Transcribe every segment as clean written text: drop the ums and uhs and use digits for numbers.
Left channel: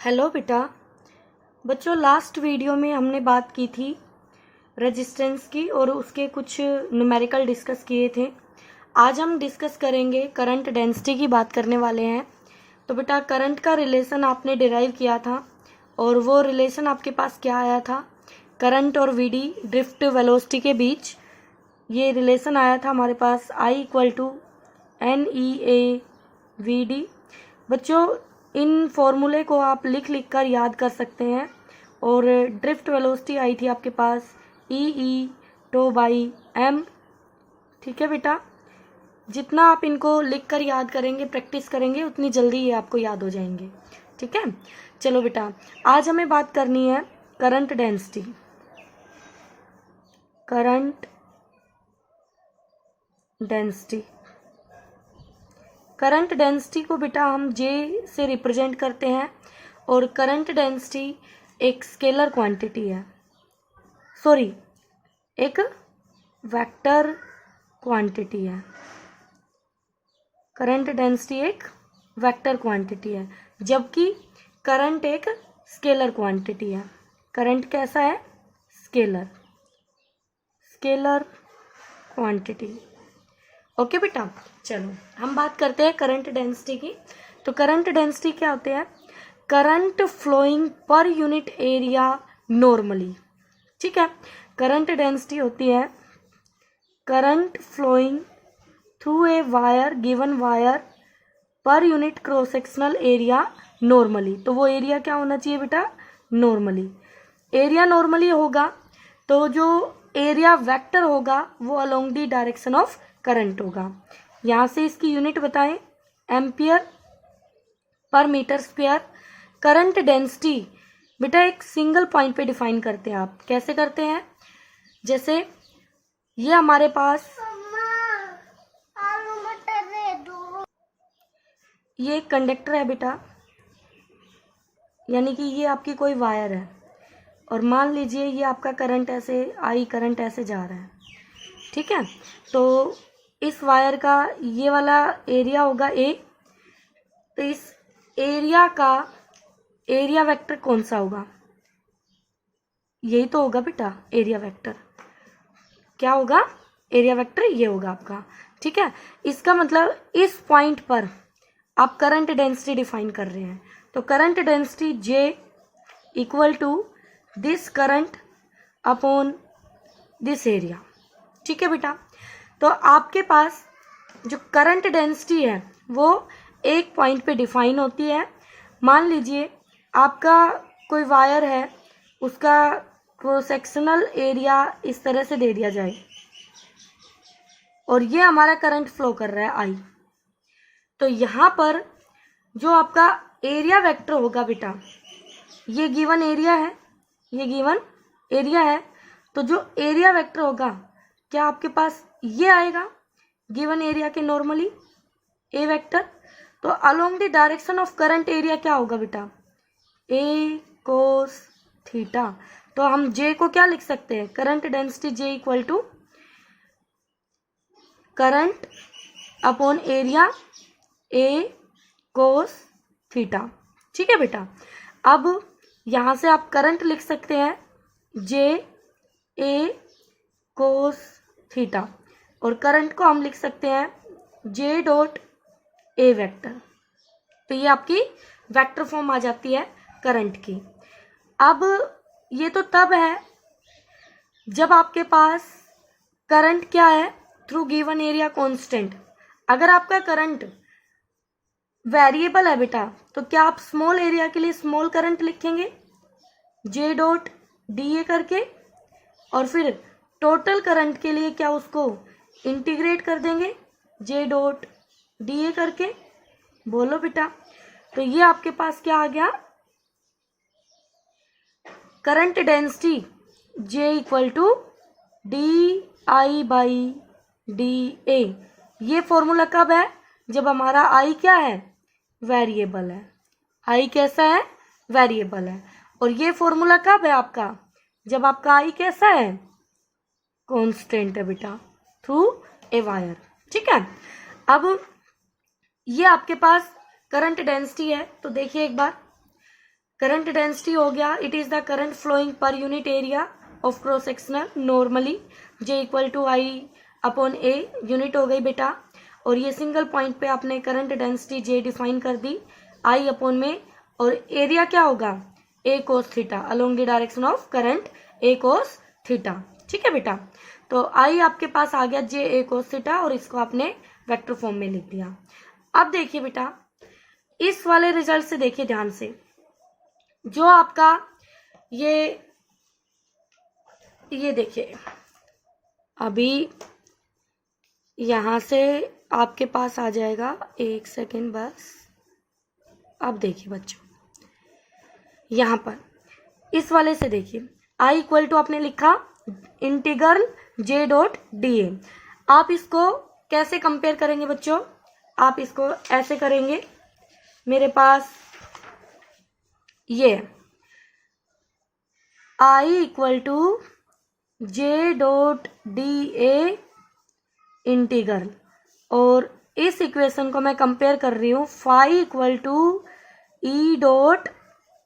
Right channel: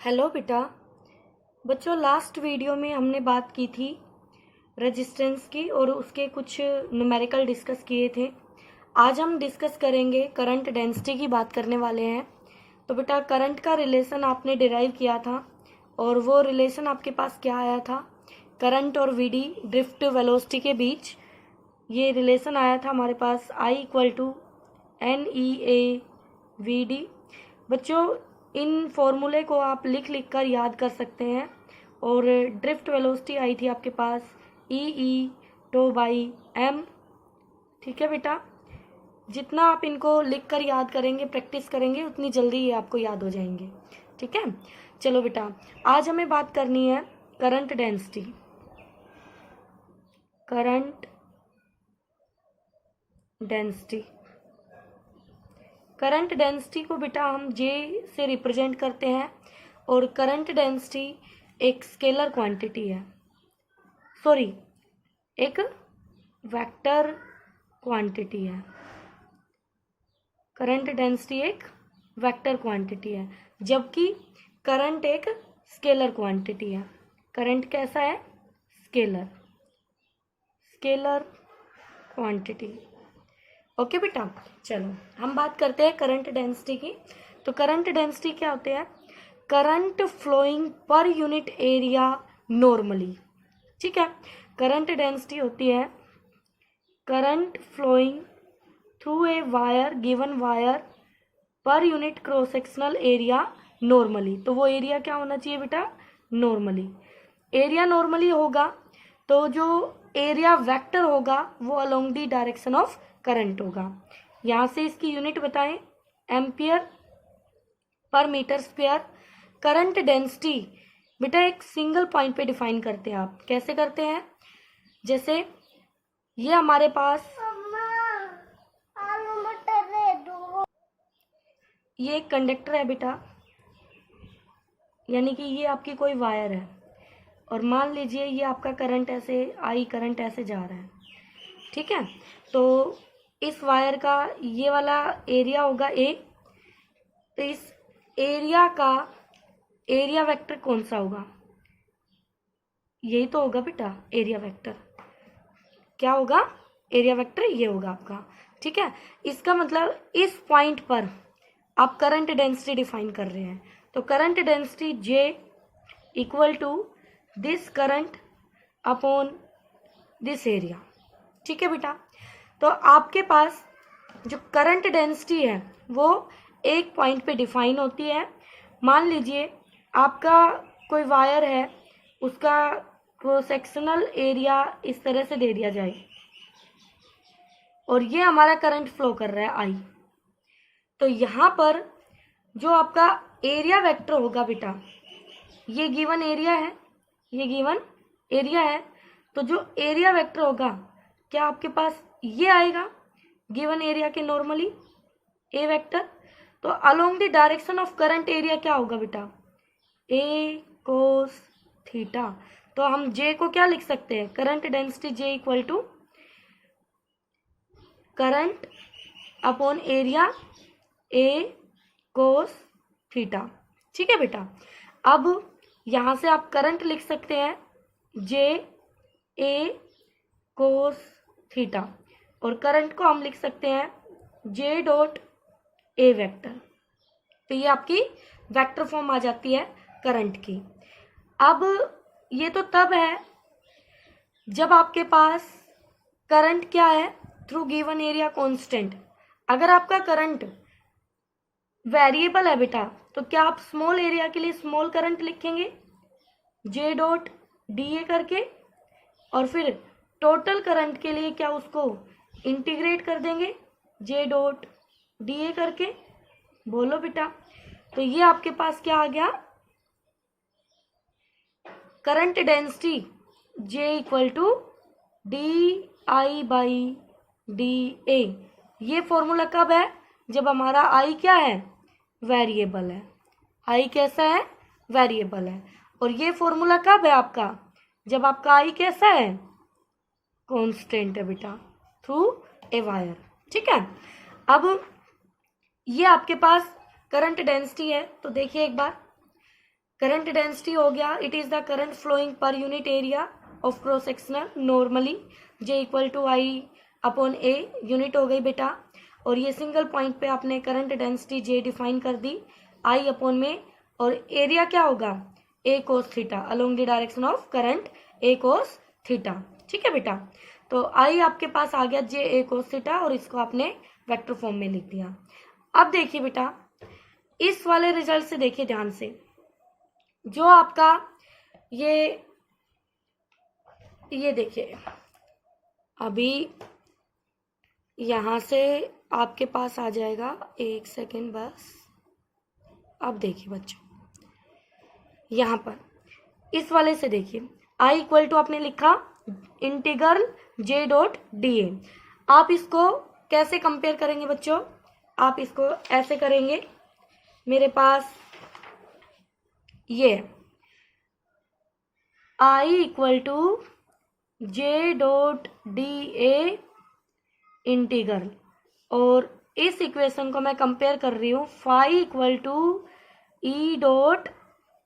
Hello बेटा। बच्चों, last video में हमने बात की थी रेजिस्टेंस की और उसके कुछ न्यूमेरिकल डिस्कस किए थे। आज हम डिस्कस करेंगे करंट डेंसिटी की बात करने वाले हैं। तो बेटा, करंट का रिलेशन आपने डिराइव किया था और वो रिलेशन आपके पास क्या आया था? करंट और वीडी ड्रिफ्ट वेलोसिटी के बीच ये रिलेशन आया था हमारे पास, I इक्वल टू NEA/VD। बच्चों, इन फॉर्मूले को आप लिख लिख कर याद कर सकते हैं। और ड्रिफ्ट वेलोसिटी आई थी आपके पास E/τ/m। ठीक है बेटा, जितना आप इनको लिख कर याद करेंगे, प्रैक्टिस करेंगे, उतनी जल्दी ये आपको याद हो जाएंगे। ठीक है, चलो बेटा, आज हमें बात करनी है current density. Current density current density को बेटा हम J से रिप्रेजेंट करते हैं और करंट डेंसिटी एक स्केलर क्वांटिटी है, सॉरी एक वेक्टर क्वांटिटी है। करंट डेंसिटी एक वेक्टर क्वांटिटी है, जबकि करंट एक स्केलर क्वांटिटी है। करंट कैसा है? Scalar quantity. ओके बेटा, चलो हम बात करते हैं करंट डेंसिटी की। तो करंट डेंसिटी क्या होते हैं? Current flowing per unit area normally. ठीक है, करंट डेंसिटी होती है current flowing through a wire, given wire, per unit cross sectional area normally. तो वो एरिया क्या होना चाहिए बेटा? नॉर्मली। एरिया नॉर्मली होगा तो जो एरिया वेक्टर होगा वो along the direction of current होगा। यहां से इसकी यूनिट बताएं, ampere per metre square. Current density बेटा एक सिंगल पॉइंट पे डिफाइन करते हैं। आप कैसे करते हैं? जैसे ये हमारे पास ये एक कंडक्टर है बेटा, यानी कि ये आपकी कोई वायर है और मान लीजिए ये आपका करंट ऐसे करंट ऐसे जा रहा है। ठीक है, तो इस वायर का ये वाला एरिया होगा A। तो इस एरिया का एरिया वेक्टर कौन सा होगा? यही तो होगा बेटा एरिया वेक्टर। क्या होगा? एरिया वेक्टर ये होगा आपका। ठीक है, इसका मतलब इस पॉइंट पर आप करंट डेंसिटी डिफाइन कर रहे हैं। तो current density J equal to this current upon this area. ठीक है बेटा, तो आपके पास जो करंट डेंसिटी है वो एक पॉइंट पे डिफाइन होती है। मान लीजिए आपका कोई वायर है, उसका क्रॉस सेक्शनल एरिया इस तरह से दे दिया जाए और ये हमारा करंट फ्लो कर रहा है I। तो यहाँ पर जो आपका एरिया वेक्टर होगा बेटा, ये गिवन एरिया है, ये गिवन एरिया है, तो जो एरिया वेक्टर होगा क्या आपके पास ये आएगा गिवन एरिया के नॉर्मली ए वेक्टर। तो along the direction of current area क्या होगा बेटा? A cos theta. तो हम J को क्या लिख सकते हैं? Current density J equal to current upon area A cos theta. ठीक है बेटा, अब यहां से आप करंट लिख सकते हैं J A cos थीटा और करंट को हम लिख सकते हैं J डॉट A वेक्टर। तो ये आपकी वेक्टर फॉर्म आ जाती है करंट की। अब ये तो तब है जब आपके पास करंट क्या है? Through given area constant. अगर आपका करंट वेरिएबल है बेटा, तो क्या आप स्मॉल एरिया के लिए स्मॉल करंट लिखेंगे J डॉट DA करके, और फिर टोटल करंट के लिए क्या उसको इंटीग्रेट कर देंगे J डॉट DA करके? बोलो बेटा। तो ये आपके पास क्या आ गया? Current density J equal to DI/DA। ये फॉर्मूला कब है? जब हमारा I क्या है? वेरिएबल है। I कैसा है? वेरिएबल है। और ये फॉर्मूला कब है आपका? जब आपका I कैसा है? कांस्टेंट है बेटा, थ्रू ए वायर। ठीक है, अब ये आपके पास करंट डेंसिटी है। तो देखिए एक बार, करंट डेंसिटी हो गया, it is the current flowing per unit area of cross sectional normally, J equal to I upon a unit हो गई बेटा। और ये सिंगल पॉइंट पे आपने करंट डेंसिटी जे डिफाइन कर दी आई अपॉन में, और एरिया क्या होगा A cos theta along the direction of current A cos theta. ठीक है बेटा, तो आई आपके पास आ गया जे ए कोस थीटा, और इसको आपने वेक्टर फॉर्म में लिख दिया। अब देखिए बेटा, इस वाले रिजल्ट से देखिए ध्यान से, जो आपका ये देखिए, अभी यहां से आपके पास आ जाएगा, एक सेकेंड बस। अब देखिए बच्चों, यहां पर इस वाले से देखिए, आई इक्वल टू आपने लिखा इंटीग्रल जे डॉट डी ए। आप इसको कैसे कंपेयर करेंगे बच्चों, आप इसको ऐसे करेंगे, मेरे पास ये I equal to J dot D A integral, और इस इक्वेशन को मैं कंपेयर कर रही हूं phi equal to E dot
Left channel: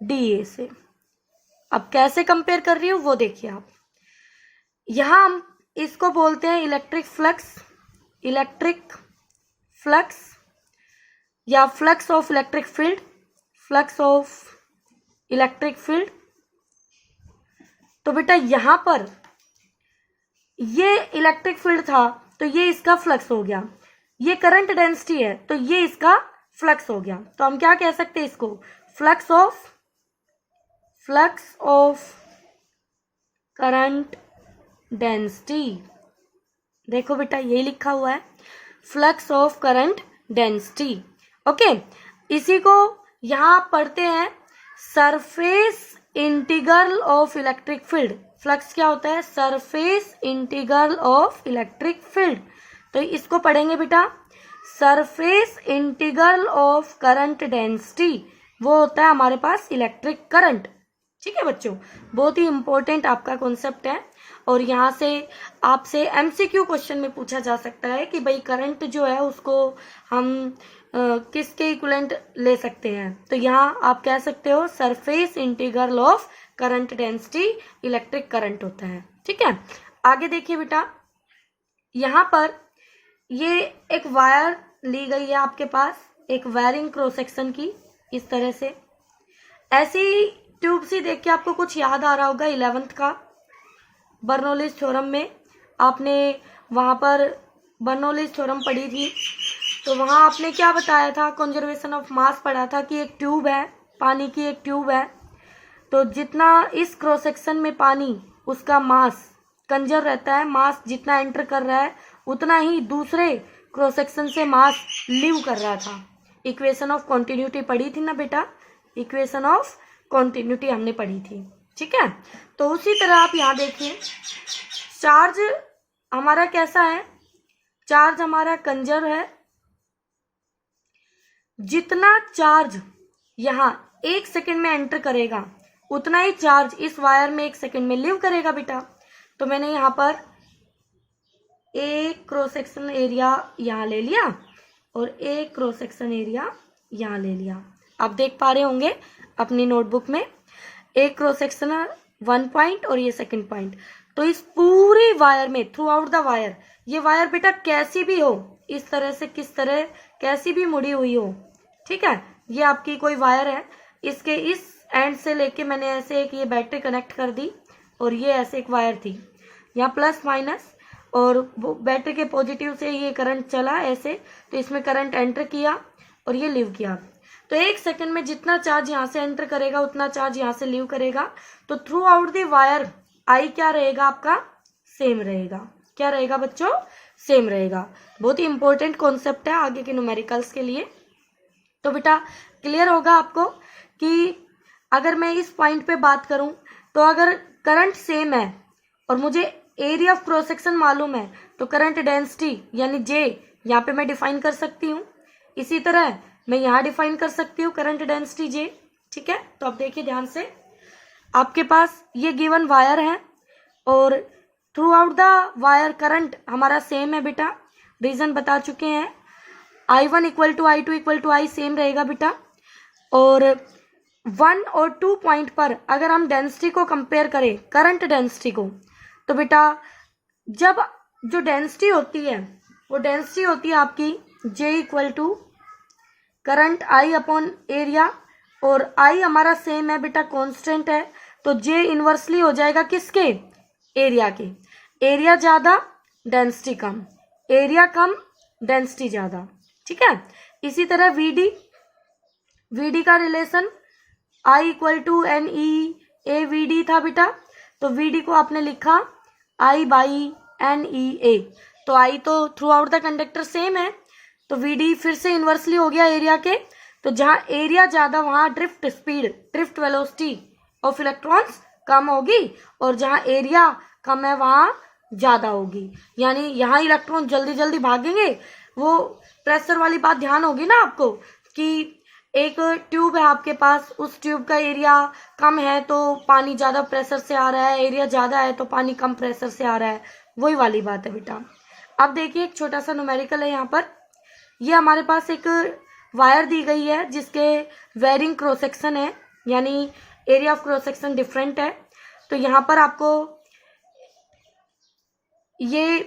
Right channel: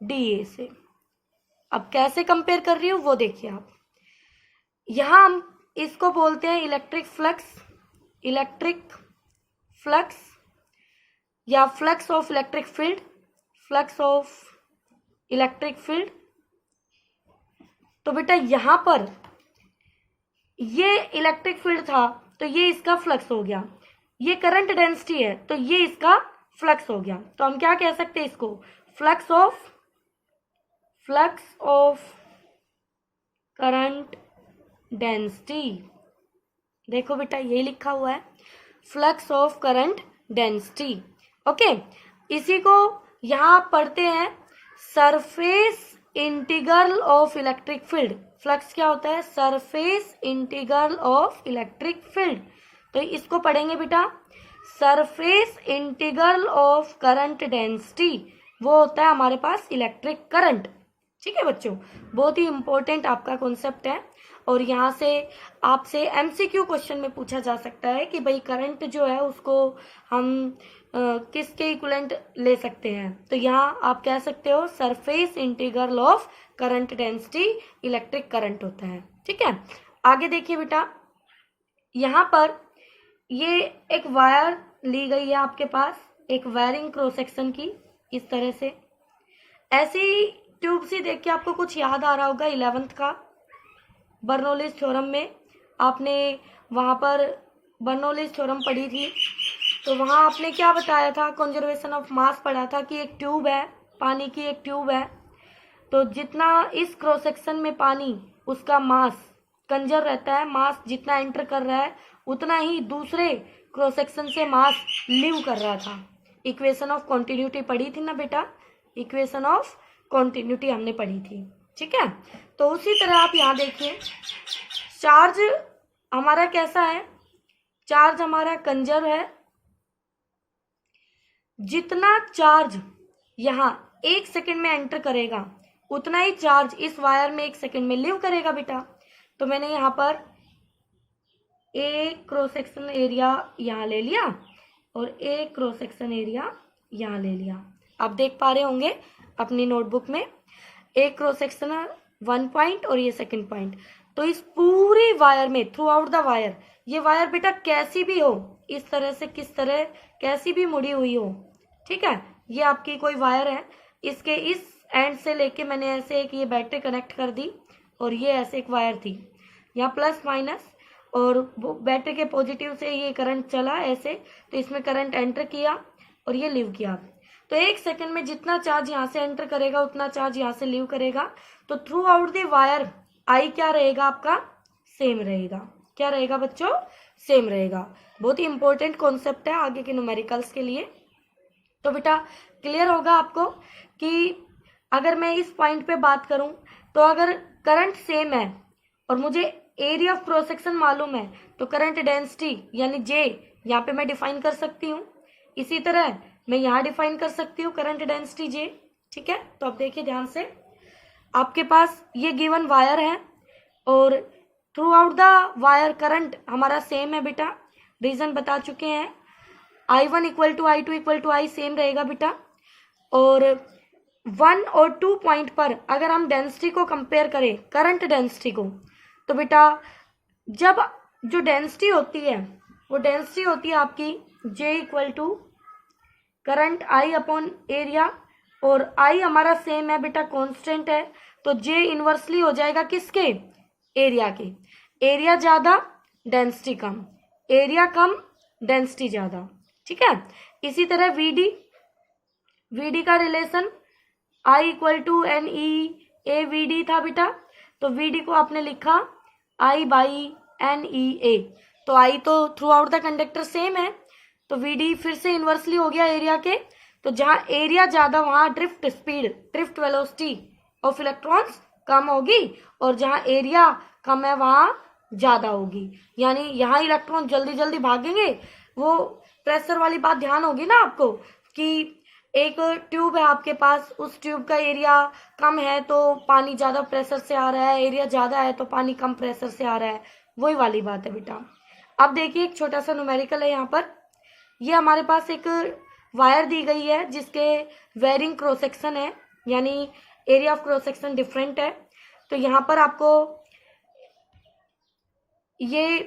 D A से। अब कैसे कंपेयर कर रही हूं वो देखिए आप, यहां हम इसको बोलते हैं इलेक्ट्रिक फ्लक्स या flux of electric field, flux of electric field. तो बेटा यहां पर ये इलेक्ट्रिक फील्ड था, तो ये इसका फ्लक्स हो गया, ये करंट डेंसिटी है तो ये इसका फ्लक्स हो गया। तो हम क्या कह सकते हैं इसको, फ्लक्स ऑफ करंट डेंसिटी। देखो बेटा ये लिखा हुआ है, flux of current density. Okay, इसी को यहां पढ़ते हैं surface integral of electric field. Flux क्या होता है, surface integral of electric field. तो इसको पढ़ेंगे बेटा surface integral of current density, वो होता है हमारे पास इलेक्ट्रिक करंट। ठीक है बच्चों, बहुत ही इंपॉर्टेंट आपका कॉन्सेप्ट है, और यहाँ से आपसे एमसीक्यू क्वेश्चन में पूछा जा सकता है कि भाई करंट जो है उसको हम किसके इक्विवेलेंट ले सकते हैं। तो यहाँ आप कह सकते हो surface integral of current density electric current होता है। ठीक है, आगे देखिए बेटा, यहाँ पर ये एक वायर ली गई है आपके पास, एक वायरिंग क्रॉस सेक्शन की, इस तरह से ऐसी ट्यूब से देख के आपको कुछ याद आ रहा होगा 11th का बर्नौलीज थ्योरम में, आपने वहां पर बर्नौलीज थ्योरम पढ़ी थी, तो वहां आपने क्या बताया था, कंजर्वेशन ऑफ मास पढ़ा था कि एक ट्यूब है, पानी की एक ट्यूब है, तो जितना इस क्रॉस सेक्शन में पानी उसका मास कंजर रहता है, मास जितना एंटर कर रहा है उतना ही दूसरे क्रॉस सेक्शन से मास लीव कर रहा था। इक्वेशन ऑफ कॉन्टिन्यूटी पढ़ी थी ना बेटा, इक्वेशन ऑफ कॉन्टिन्यूटी हमने पढ़ी थी। ठीक है, तो उसी तरह आप यहाँ देखिए, चार्ज हमारा कैसा है, चार्ज हमारा कंजर है, जितना चार्ज यहाँ 1 सेकेंड में एंटर करेगा उतना ही चार्ज इस वायर में 1 सेकेंड में लीव करेगा बेटा। तो मैंने यहाँ पर एक क्रॉस सेक्शन एरिया यहाँ ले लिया और एक क्रॉस सेक्शन एरिया यहाँ ले लिया। आप देख पा रहे होंगे अपनी नोटबुक में, एक क्रॉस सेक्शन 1 पॉइंट और ये 2nd पॉइंट। तो इस पूरी वायर में थ्रू आउट द वायर, ये वायर बेटा कैसी भी हो, इस तरह से किस तरह कैसी भी मुड़ी हुई हो, ठीक है, ये आपकी कोई वायर है, इसके इस एंड से लेके मैंने ऐसे एक ये बैटरी कनेक्ट कर दी, और ये ऐसे एक वायर थी, यहाँ प्लस माइनस, और बैटरी के पॉजिटिव से ये करंट चला ऐसे, तो इसमें करंट एंटर किया और ये लीव किया। तो 1 सेकेंड में जितना चार्ज यहाँ से एंटर करेगा उतना चार्ज यहाँ से लीव करेगा। तो थ्रू आउट द वायर आई क्या रहेगा आपका, सेम रहेगा। क्या रहेगा बच्चों, सेम रहेगा। बहुत ही इंपॉर्टेंट कॉन्सेप्ट है आगे के न्यूमेरिकल्स के लिए। तो बेटा क्लियर होगा आपको कि अगर मैं इस पॉइंट पे बात करूं, तो अगर करंट सेम है और मुझे एरिया ऑफ क्रॉस सेक्शन मालूम है, तो करंट डेंसिटी यानी जे यहाँ पे मैं डिफाइन कर सकती हूँ। इसी तरह मैं यहाँ डिफाइन कर सकती हूँ करंट डेंसिटी जे। ठीक है, तो अब देखिए ध्यान से, आपके पास ये गिवन वायर है और throughout the wire current हमारा सेम है बेटा, रीजन बता चुके हैं। I1 equal to I2 equal to I same रहेगा बेटा, और 1 और 2 पॉइंट पर अगर हम डेंसिटी को कंपेयर करें, करंट डेंसिटी को, तो बेटा जब जो डेंसिटी होती है वो डेंसिटी होती है आपकी J equal to current I upon area, और I हमारा सेम है बेटा, कांस्टेंट है, तो J इनवर्सली हो जाएगा किसके, एरिया के। एरिया ज्यादा डेंसिटी कम, एरिया कम डेंसिटी ज्यादा, ठीक है। इसी तरह VD का relation I equal to NE था बेटा, तो VD को आपने लिखा I बाई NEA, तो I तो throughout the conductor same है, तो VD फिर से इनवर्सली हो गया एरिया के, तो जहां एरिया ज्यादा वहां drift speed, drift velocity of electrons कम होगी, और जहां एरिया कम है वहां ज्यादा होगी, यानी यहाँ इलेक्ट्रॉन जल्दी जल्दी भागेंगे। वो प्रेशर वाली बात ध्यान होगी ना आपको, कि एक ट्यूब है आपके पास, उस ट्यूब का एरिया कम है तो पानी ज्यादा प्रेशर से आ रहा है, एरिया ज्यादा है तो पानी कम प्रेशर से आ रहा है, वही वाली बात है बेटा। अब देखिए एक छोटा सा न्यूमेरिकल है यहाँ पर, ये हमारे पास एक वायर दी गई है जिसके वेरिंग क्रॉस सेक्शन है, यानी area of cross section different है। तो यहाँ पर आपको ये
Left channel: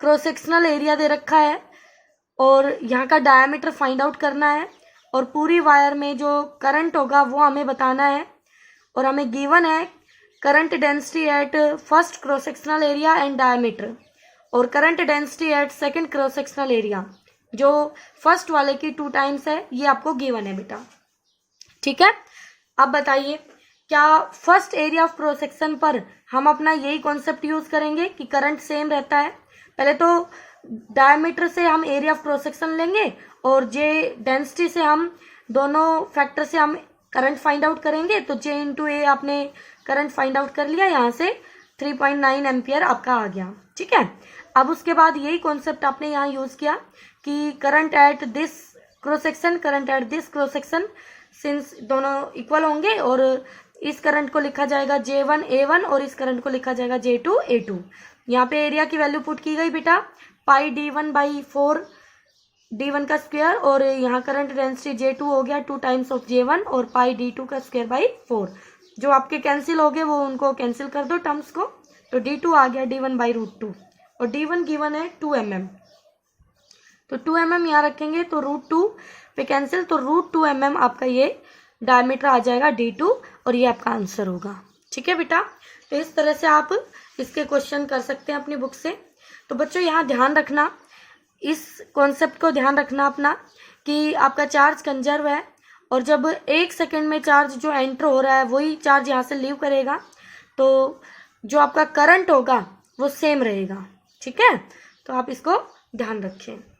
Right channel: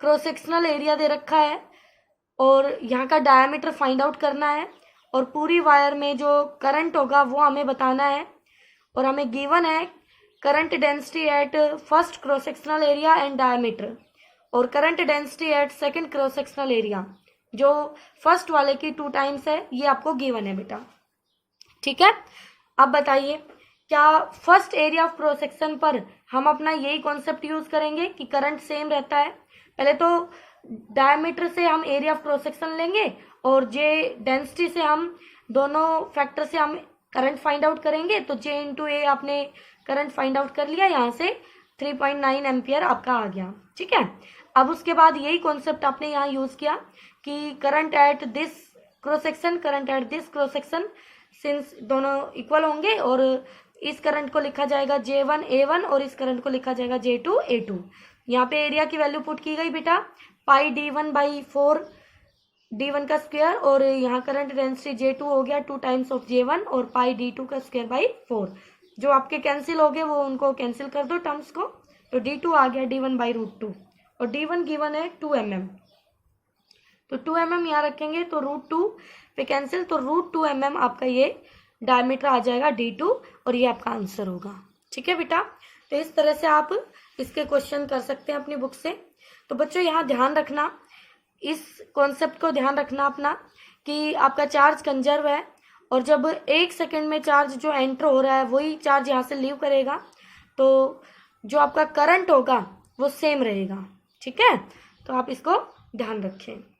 क्रॉस सेक्शनल एरिया दे रखा है और यहाँ का डायमीटर फाइंड आउट करना है, और पूरी वायर में जो करंट होगा वो हमें बताना है, और हमें गिवन है current density at first cross sectional area and diameter, और current density at second cross sectional area जो फर्स्ट वाले की 2 टाइम्स है, ये आपको गिवन है बेटा, ठीक है। अब बताइए क्या first area of cross section पर हम अपना यही कॉन्सेप्ट यूज करेंगे कि करंट सेम रहता है। पहले तो डायमीटर से हम एरिया ऑफ क्रॉस सेक्शन लेंगे, और जे डेंसिटी से हम दोनों फैक्टर से हम करंट फाइंड आउट करेंगे, तो J इंटू ए आपने करंट फाइंड आउट कर लिया, यहाँ से 3.9 एम्पियर आपका आ गया, ठीक है। अब उसके बाद यही कॉन्सेप्ट आपने यहाँ यूज किया कि current at this cross section, current at this cross section, since दोनों इक्वल होंगे, और इस करंट को लिखा जाएगा J1 A1 और इस करंट को लिखा जाएगा J2 A2। यहाँ पे एरिया की वैल्यू पुट की गई बेटा, पाई D1 बाई 4 D1 का स्क्वायर, और यहाँ करंट डेंसिटी J2 हो गया 2 टाइम्स ऑफ J1, और पाई D2 का स्क्वायर बाई 4। जो आपके कैंसिल हो गए वो उनको कैंसिल कर दो टर्म्स को, तो D2 आ गया D1 बाई √2, और D1 गिवन है 2 mm, तो 2 mm यहाँ रखेंगे तो √2 पे कैंसिल, तो √2 mm आपका ये डायमीटर आ जाएगा D2, और ये आपका आंसर होगा, ठीक है बेटा। तो इस तरह से आप इसके क्वेश्चन कर सकते हैं अपनी बुक से। तो बच्चों यहाँ ध्यान रखना, इस कॉन्सेप्ट को ध्यान रखना अपना, कि आपका चार्ज कंजर्व है, और जब 1 सेकंड में चार्ज जो एंटर हो रहा है वही चार्ज यहाँ से लीव करेगा, तो जो आपका करंट होगा वो सेम रहेगा, ठीक है। तो आप इसको ध्यान रखें।